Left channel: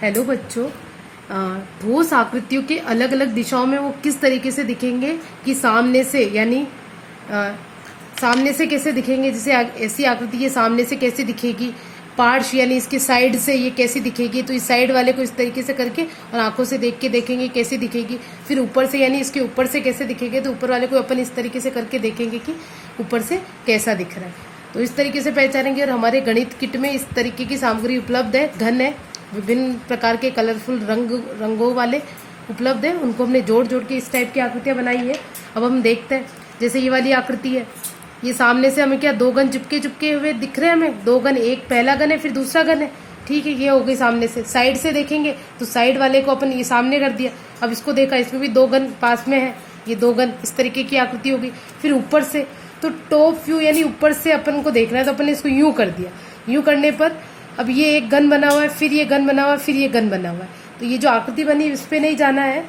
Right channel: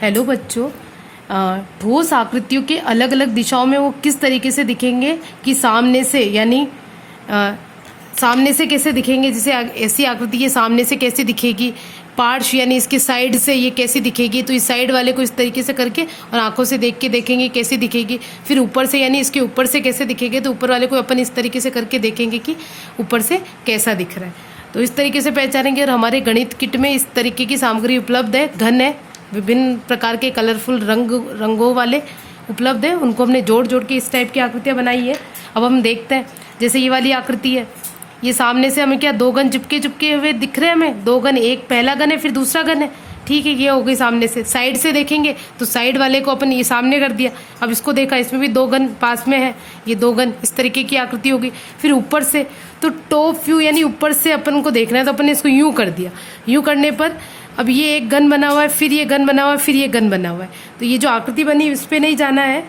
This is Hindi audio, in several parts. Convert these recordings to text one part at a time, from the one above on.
हेलो बच्चों। ठोस आकृतियों के अलग अलग दिशाओं में वो किस तरीके से दिखेंगे कि सामने से, यानी सामने से कैसे दिखेंगे। जैसे ऐसी आकृति ये सामने से कैसे दिखेगी, पार्श्व यानी इसके साइड से ये कैसे दिखेगी, तो इस साइड वाले को इस तरीके से करके और आंखों से देख के देखेंगे कैसे दिखेगी। फिर ऊपर से यानी इसके ऊपर से कैसे दिखेगी, तो ऊपर वाले को अपन इस तरीके से करके देखेंगे कि ऊपर से कैसा दिख रहा है। तो इस तरीके से पहचानेंगे। और हमारे गणित किट में इस तरीके की सामग्री उपलब्ध है, घन है, विभिन्न प्रकार के कलरफुल रंगों वाले उपलब्ध है। उनको हमने जोड़ जोड़ के इस टाइप की आकृतियां बनाई है। अब हम देखते हैं, जैसे ये वाली आकृति है, ये सामने से हमें क्या दो गन चिपके हुए दिख रहे हैं हमें। दो गन, एक पहला गन है फिर दूसरा गन है, ठीक है। ये हो गई सामने से। साइड से देखेंगे तो साइड वाले को अपन ये सामने कर दिया। अब इसको देखा, इसमें भी दो गन पास में है, ये दो गन, इस तरीके की आकृति होगी। फिर ऊपर से तो टॉप व्यू यानी ऊपर से अपन को देखना है, तो अपन ने इसको यूं कर दिया। यूं करने पर अब ये एक गन बना हुआ है, फिर ये गन बना हुआ है, फिर ये गन बना हुआ है। तो ये जो आकृति बनी इस पे नहीं जाना है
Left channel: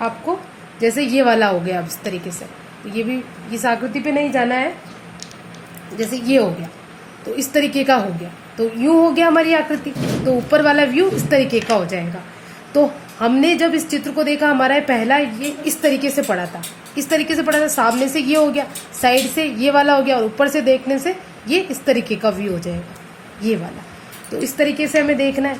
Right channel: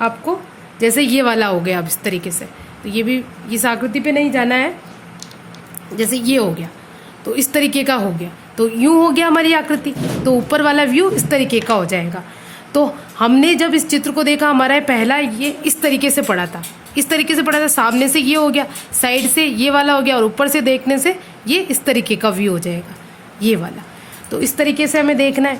आपको। जैसे ये वाला हो गया अब इस तरीके से, तो ये भी इस आकृति पे नहीं जाना है। जैसे ये हो गया तो इस तरीके का हो गया, तो यूं हो गया हमारी आकृति। तो ऊपर वाला व्यू इस तरीके का हो जाएगा। तो हमने जब इस चित्र को देखा, हमारा पहला ये इस तरीके से पड़ा था, इस तरीके से पड़ा था। सामने से ये हो गया, साइड से ये वाला हो गया, और ऊपर से देखने से ये इस तरीके का व्यू हो जाएगा, ये वाला। तो इस तरीके से हमें देखना है।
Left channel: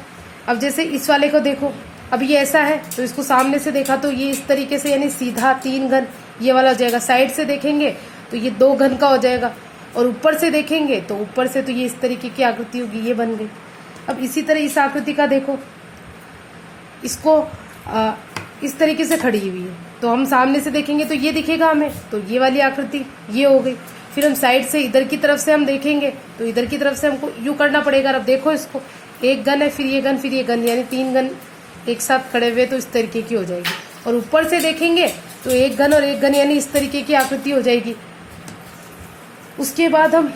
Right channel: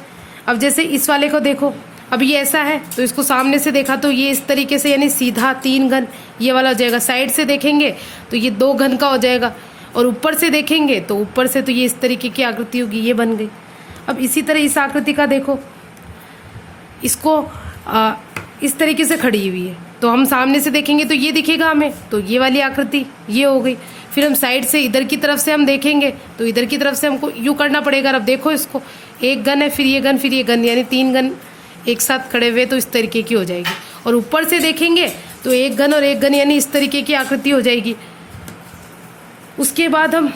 अब जैसे इस वाले को देखो, अब ये ऐसा है तो इसको सामने से देखा तो ये इस तरीके से, यानी सीधा तीन घन ये वाला हो जाएगा। साइड से देखेंगे तो ये दो घन का हो जाएगा, और ऊपर से देखेंगे तो ऊपर से तो ये इस तरीके की आकृति होगी, ये बन गई। अब इसी तरह इस आकृति का देखो, इसको इस तरीके से खड़ी हुई है, तो हम सामने से देखेंगे तो ये दिखेगा हमें, तो ये वाली आकृति ये हो गई। फिर हम साइड से इधर की तरफ से हम देखेंगे तो इधर की तरफ से हमको यूं करना पड़ेगा। अब देखो इसको, एक गन है, फिर ये गन, फिर ये गन, यानी तीन गन एक साथ खड़े हुए, तो इस तरीके की हो जाएगी। और ऊपर से देखेंगे तो एक गन और एक गन, यानी इस तरीके की आकृति हो जाएगी। उसके बाद हम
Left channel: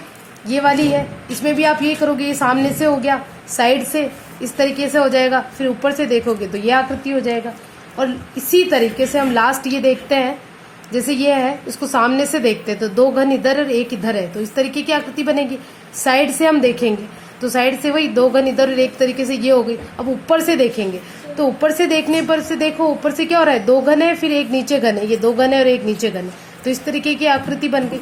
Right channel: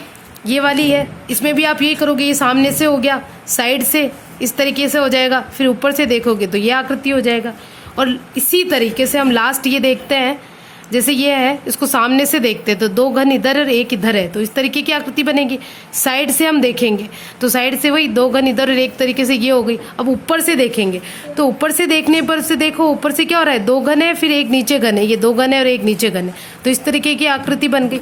ये वाली है, इसमें भी आप ये करोगे, ये सामने से हो गया, साइड से इस तरीके से हो जाएगा, फिर ऊपर से देखोगे तो ये आकृति हो जाएगा। और इसी तरीके से हम लास्ट ये देखते हैं, जैसे ये है, इसको सामने से देखते हैं तो दो घन इधर और एक इधर है, तो इस तरीके की आकृति बनेगी। साइड से हम देखेंगे तो साइड से वही दो घन इधर और एक तरीके से ये हो गई। अब ऊपर से देखेंगे तो ऊपर से देखने पर से देखो, ऊपर से क्या हो रहा है, दो घन है फिर एक नीचे घन है, ये दो घन है और एक नीचे घन है, तो इस तरीके की आकृति बन गई।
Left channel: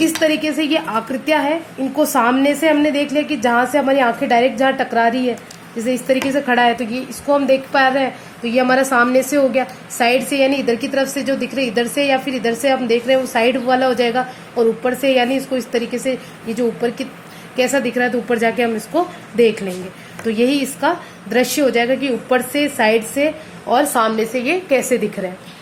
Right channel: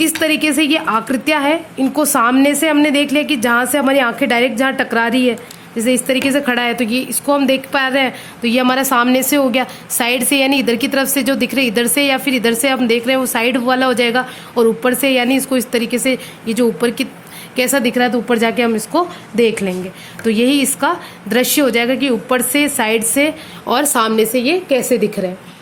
इस तरीके से ये आकृतियां हैं, इनको सामने से हमने देख लिया कि जहां से हमारी आंखें डायरेक्ट जहां टकरा रही है, जैसे इस तरीके से खड़ा है तो ये इसको हम देख पा रहे हैं, तो ये हमारा सामने से हो गया। साइड से यानी इधर की तरफ से जो दिख रहे हैं, इधर से या फिर इधर से हम देख रहे हैं, वो साइड वाला हो जाएगा। और ऊपर से यानी इसको इस तरीके से, ये जो ऊपर की कैसा दिख रहा है, तो ऊपर जाके हम इसको देख लेंगे, तो यही इसका दृश्य हो जाएगा कि ऊपर से, साइड से और सामने से ये कैसे दिख रहा है।